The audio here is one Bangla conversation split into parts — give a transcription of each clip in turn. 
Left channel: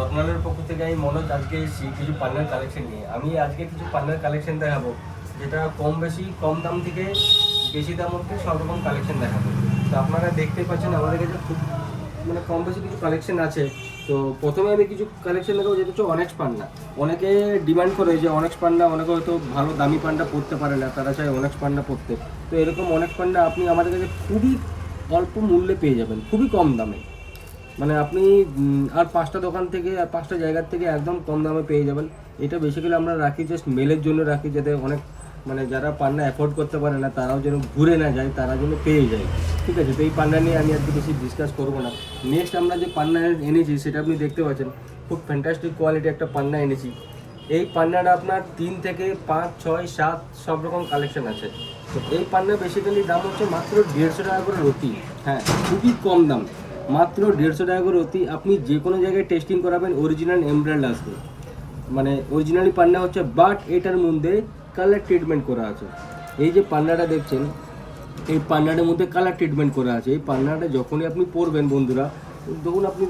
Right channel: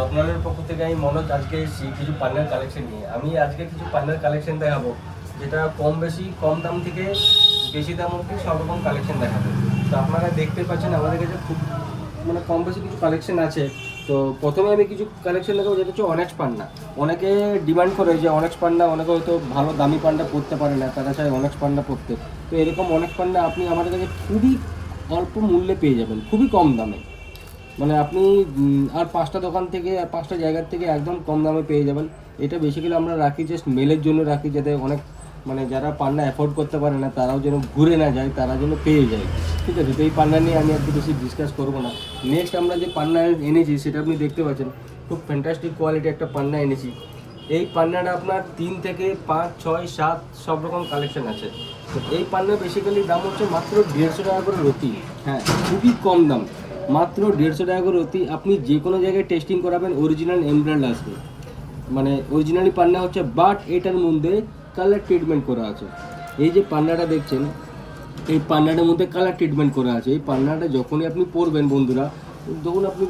রত্নালের পক্ষ থেকে আমি মনোজ আজকে এসেছি কিছু পান্নার কালেকশন নিয়ে। আমি আজকে কিছু পান্নার কালেকশন দেখাবো, যেটা কম বেশি কম দাম থেকে বেশি দাম অবধি সব রকম কালেকশন দেখাবো। তো আপনারা দেখতে পাচ্ছেন আমাদের কাছে খুব মানে কম বেশি কিছু কালেকশন আছে। তো প্রথমে আমি কিছু কালেকশন দেখাবো, যেটা হচ্ছে অনেক্স পান্না। অনেকে ডিমান্ড করে যে অনেক্স পান্না, অনেকে হয়তো ভালো দামি পান্না পড়তে পারে না, তারা চায় অনেক্স পান্না পড়তে। তো এরকম অনেক্স পান্না আপনি আমাদের কাছে খুবই অল্প মূল্যে পেয়ে যাবেন, খুবই কম দামে। মানে আপনি আর 5টা দোকান থেকে আর 5টা জায়গার থেকে একদম কম দামে পেয়ে যাবেন। এটা বেসিক্যালি আমরা রাখি জাস্ট মেলের জন্য রাখি, যাতে অনেক মানে যারা পান্না অ্যাফোর্ড করতে পারে না তারাও যেন ঘুরে না যায়, তারা যেন পেয়ে যায়। ঠিক আছে, তো এই পান্না নিয়ে আমি আজকে বেশি ডিসকাস করবো না। নেক্সট আমরা যে পান্না এনেছি সেটা আপনি দেখতে পাচ্ছেন, খুব ফ্যান্টাস্টিক কোয়ালিটি একটা পান্না এনেছি। এই পান্নাটা আপনার 3 থেকে 5, 6, 7 সব রকম কালেকশন আছে। তো এই পান্না বেসিক্যালি দাম হচ্ছে মাত্র 150 টাকা করে রতি। হ্যাঁ, খুবই কম দাম, মাত্র 150 টাকা করে রতি। আপনি যে কোনো জায়গায় টেস্টিং করাবেন অরিজিনাল এমব্রয়েড আসবে, মানে অরিজিনালি পান্না হচ্ছে, বাট এটার মধ্যে কালার ট্রিটমেন্ট করা আছে। এই যে পান্নাটা দেখছেন, এই পান্নাটার মধ্যে কালার ট্রিটমেন্ট করা আছে। এই পান্নাটা যখনই আপনি পরবেন বন্ধুরা,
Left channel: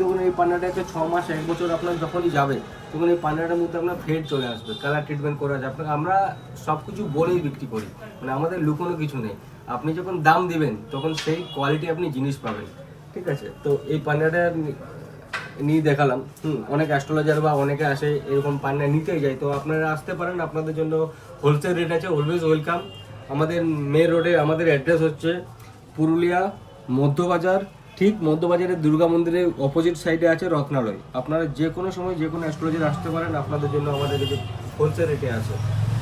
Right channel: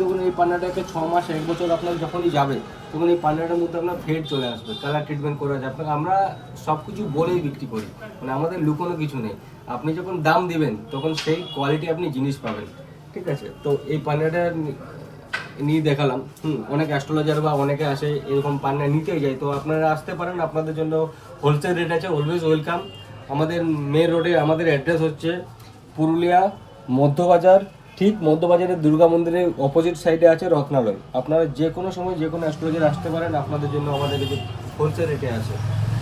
যখন এই পান্নাটা একটা 6 মাস 1 বছর আপনার যখনই যাবে, তখন এই পান্নাটার মধ্যে আপনার ফেড চলে আসবে। কালার ট্রিটমেন্ট করা আছে। আপনাকে আমরা সব কিছু বলেই বিক্রি করি, মানে আমাদের লুকোনো কিছু নেই। আপনি যখন দাম দিবেন তখন সেই কোয়ালিটি আপনি জিনিস পাবেন। ঠিক আছে, তো এই পান্নাটা নিয়ে দেখালাম। অনেক অ্যাস্ট্রোলজার বা অনেকে আসে এরকম পান্না নিতেই যায়, তো আপনারা আসতে পারেন, আপনাদের জন্য হোলসেল রেট আছে, অলওয়েজ ওয়েলকাম। আমাদের মেন রোডে আমাদের অ্যাড্রেস হচ্ছে পুরুলিয়া মধ্যবাজার, ঠিক মধ্যবাজারের দুর্গা মন্দিরের অপোজিট সাইডে আছে রত্নালয়। আপনারা যে কোনো সময় যে কোনো অ্যাস্ট্রোলজার আসতে পারেন, আপনাদের জন্য আমাদের কাছে হোলসেল রেটে আছে।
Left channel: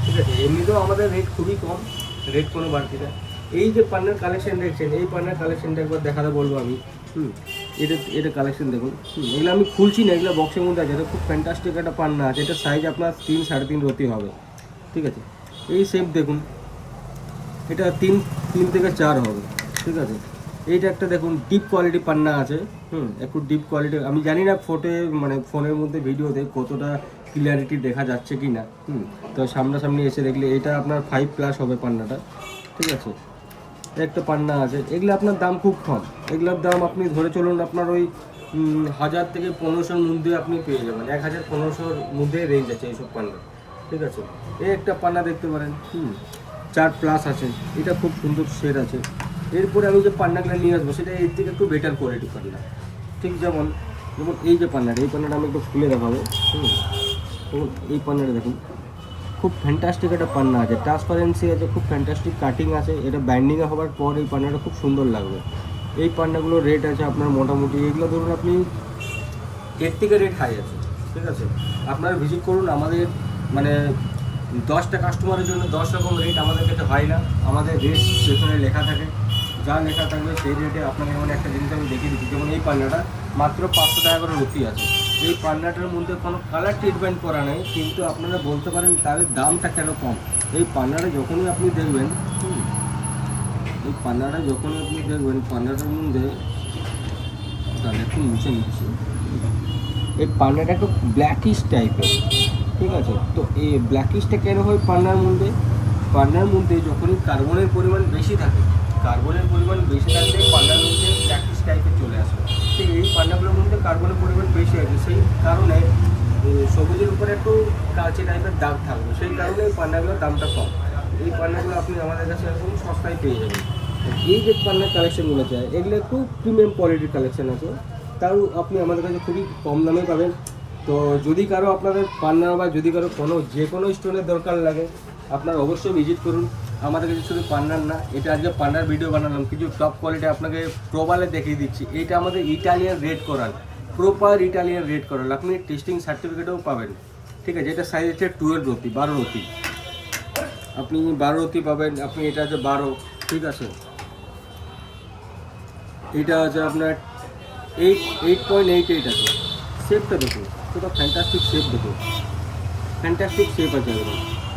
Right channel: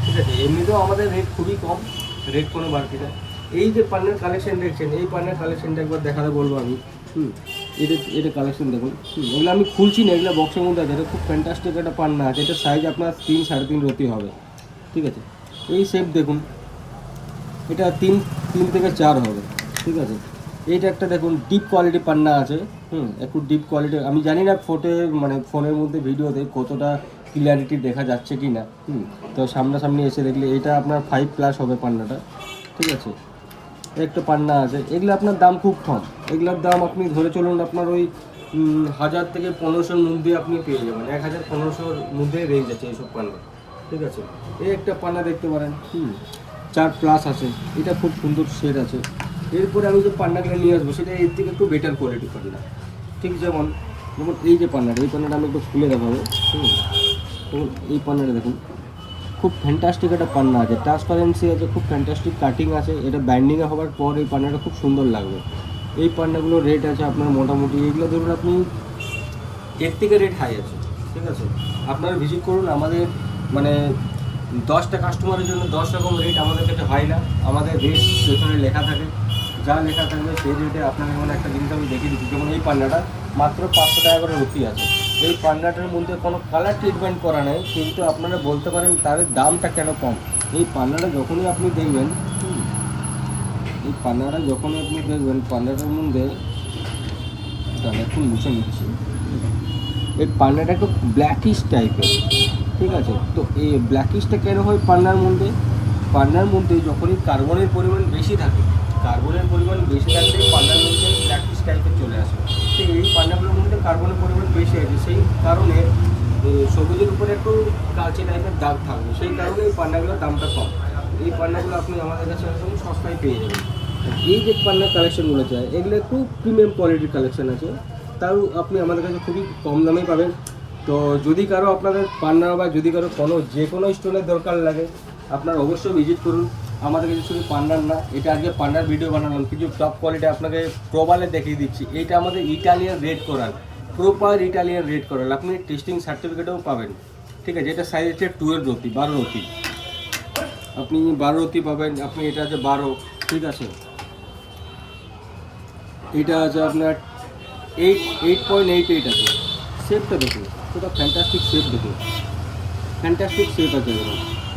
ঠিক আছে, এমনিতেও আমাদের রেট খুবই কম, রেট কোনো বাড়তি না। এই যে পান্নার কালেকশন দেখছেন, এই পান্নার কালেকশনটা একবার দেখাতে বলবো আমি। এটা কালেকশন দেখুন। এগুলো আমি খুলছি না, এগুলো বক্সের মধ্যে আছে। এটা খুব ফ্যান্টাস্টিক একটা পান্না আছে। এটা সাইজ আপনার 3, 3.5 রতি হবে। ঠিক আছে, এই শেপ দেখুন, এটা 3 থেকে 4 হবে। ঠিক আছে, এইটা একটা দেখুন ডিপ কোয়ালিটি পান্না আছে। একটু ডিপ কোয়ালিটি, আমি জানি না ফটো মানে ফোনের মধ্যে ভিডিওতে কতটা ক্লিয়ারিটি দেখা যাচ্ছে কি না। তো সামনাসামনি এসে দেখলে এটা আপনার 5+ হবে পান্নাটা। ঠিক আছে, একটা পান্না আছে। এগুলো আপনার দাম খুব কম, এগুলোর দাম আপনি ধরে চলুন আপনার ওই 1000 থেকে 1500-র মধ্যে আপনি পেয়ে যাবেন। 1000-1500-র মধ্যে রেঞ্জ আছে এইসব পান্না। ঠিক আছে, এই একটা পান্না দেখতে পারেন, 4+ আছে। এটা খুব সুন্দর শেড আছে। এরপরে আমি যে পান্নাগুলো নিয়ে আসবো সেটা এর থেকে একটু বেটার কোয়ালিটি পান্না। ঠিক যেমন এই যে পান্নাটা, এই পান্নাটা আমি একটু খুলে দেখাবো। দেখুন এই পান্নাটা দেখুন, খুব ফ্যান্টাস্টিক একটা পান্না আছে, ট্রান্সপারেন্সি আছে, খুব ফ্যান্টাস্টিক কাটিং আছে। এটা ব্যান্ডিংয়ে হওয়ার পর এই পান্নাটা খুব সুন্দর লাগবে। এই পান্নাগুলোর রেট আছে আপনার মোটামুটি, এগুলো ধরুন আপনি এর থেকে রেট হাই আছে। ঠিক আছে, আপনারা ভিজিট করুন। আমাদের মানে 10টা কাস্টমারের জন্য 10 রকম রেট আমাদের কাছে হয় না। আমাদের রেট সেখানে লেখা থাকে, যা লেখা থাকবে সেই রেটে আপনাকে মানে একটা জিনিস আমি দেখিয়ে দিচ্ছি। যেমন এই পান্নাটা মাত্র 500 টাকা করে রতি আছে। এই পান্নাটার মধ্যে কোনো কালার ট্রিটমেন্ট করা নেই, কিন্তু আপনারা বলতে পারেন তাদের দামটা কেন কম। এই পান্নাটা যখনই আপনি দেখবেন, এই পান্নাটা যখনই আপনি দেখবেন, পান্নাটার মধ্যে একটু মুছে নিচ্ছি। এই পান্নাটা একটু ব্ল্যাকিশ টাইপের। ঠিক আছে, তো এই ব্ল্যাকিশটা কেন হয় পান্নার মধ্যে যখনই কার্বনের পরিমাণ বেশি থাকে, কার্বনের পরিমাণ বেশি থাকলে পান্নার মধ্যে ব্ল্যাকিশ টাইপের চলে আসে। তো এই পান্নাগুলোর মধ্যে কার্বনের পরিমাণ বেশি আছে, সেই কারণে সবুজের উপরে একটু কালচে টাইপের দাগ থাকবে, সেই কারণে এই পান্নাগুলোর দামটা কম। এই পান্নাগুলো আপনি আমাদের কাছে একদম সস্তায় পেয়ে যাবেন। এই যে পান্নার কালেকশনগুলো চাই, এগুলো একটু প্রিমিয়াম কোয়ালিটির কালেকশন আছে, তাও আপনি আমাদের কাছে খুবই কম দামেই পাবেন। তো যদি কারো আপনাদের পান্না বা যদি কারো যে কোনো স্টোনের দরকার লাগে, আপনারা অবশ্যই ভিজিট করুন। আমাদের কাছে শুধু পান্নার না, এটা আজকে পান্নার ভিডিও বানালাম, কিছু টপ কোয়ালিটি আপনাকে প্রোবালে দেখিয়ে দিচ্ছি। এইটা আমাদের ইটালিয়ান রেড করাল, প্রপার ইটালিয়ান রেড করাল, আপনি টেস্টিং সার্টিফিকেটও পাবেন। ঠিক আছে, এটা সাইজ হচ্ছে 12 রতি, 12 রতি, আপনি 12 রতি পাবেন। আপনি এটা আছে 12। ঠিক আছে, এটা আছে আপনার 8.88 আছে। শেপটা দেখুন, পুরো ফ্যান্টাস্টিক শেপ দেখুন, ফ্যান্টাস্টিক শেপ আছে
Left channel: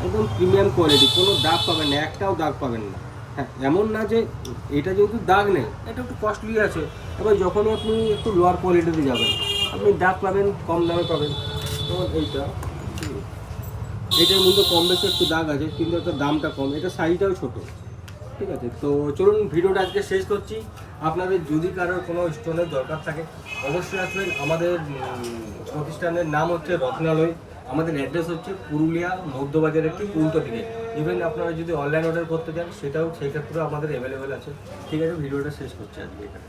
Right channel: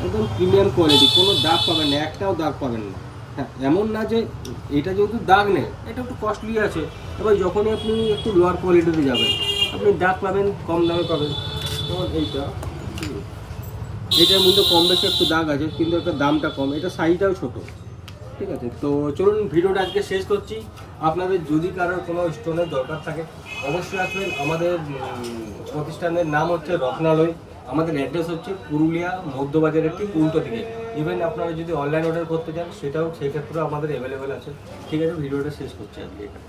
একদম প্রিমিয়াম কোয়ালিটি, কোনো দাগ পাবেন না, একটাও দাগ পাবেন না। হ্যাঁ, এমন না যে এটা যেহেতু দাগ নেই, এটা একটু কস্টলি আছে। এবার যখনই আপনি একটু লোয়ার কোয়ালিটিতে যাবেন, আপনি দাগ পাবেন, কম দামে পাবেন। যেমন এটার মধ্যে কম বেশি একটু দাগ আছে, কিন্তু একটা দামটা কম, এটা সাইজটাও ছোটো। ঠিক আছে, তো চলুন ভিডিওটা আজকে শেষ করছি। আপনাদের যদি কারোর কোনো স্টোনের দরকার থাকে অবশ্যই আসবেন। আমাদের প্রতিষ্ঠানের নাম হচ্ছে রত্নালয়। আমাদের অ্যাড্রেস হচ্ছে পুরুলিয়া মধ্যবাজারের ঠিক উল্টো দিকে। ইভেন আপনারা যদি অনলাইন অর্ডার করতে চান সেটাও, সেক্ষেত্রেও আমাদের অ্যাভেলেবেল আছে। ঠিক আছে, ভিডিওটা শেষ করছি আজকে এটা।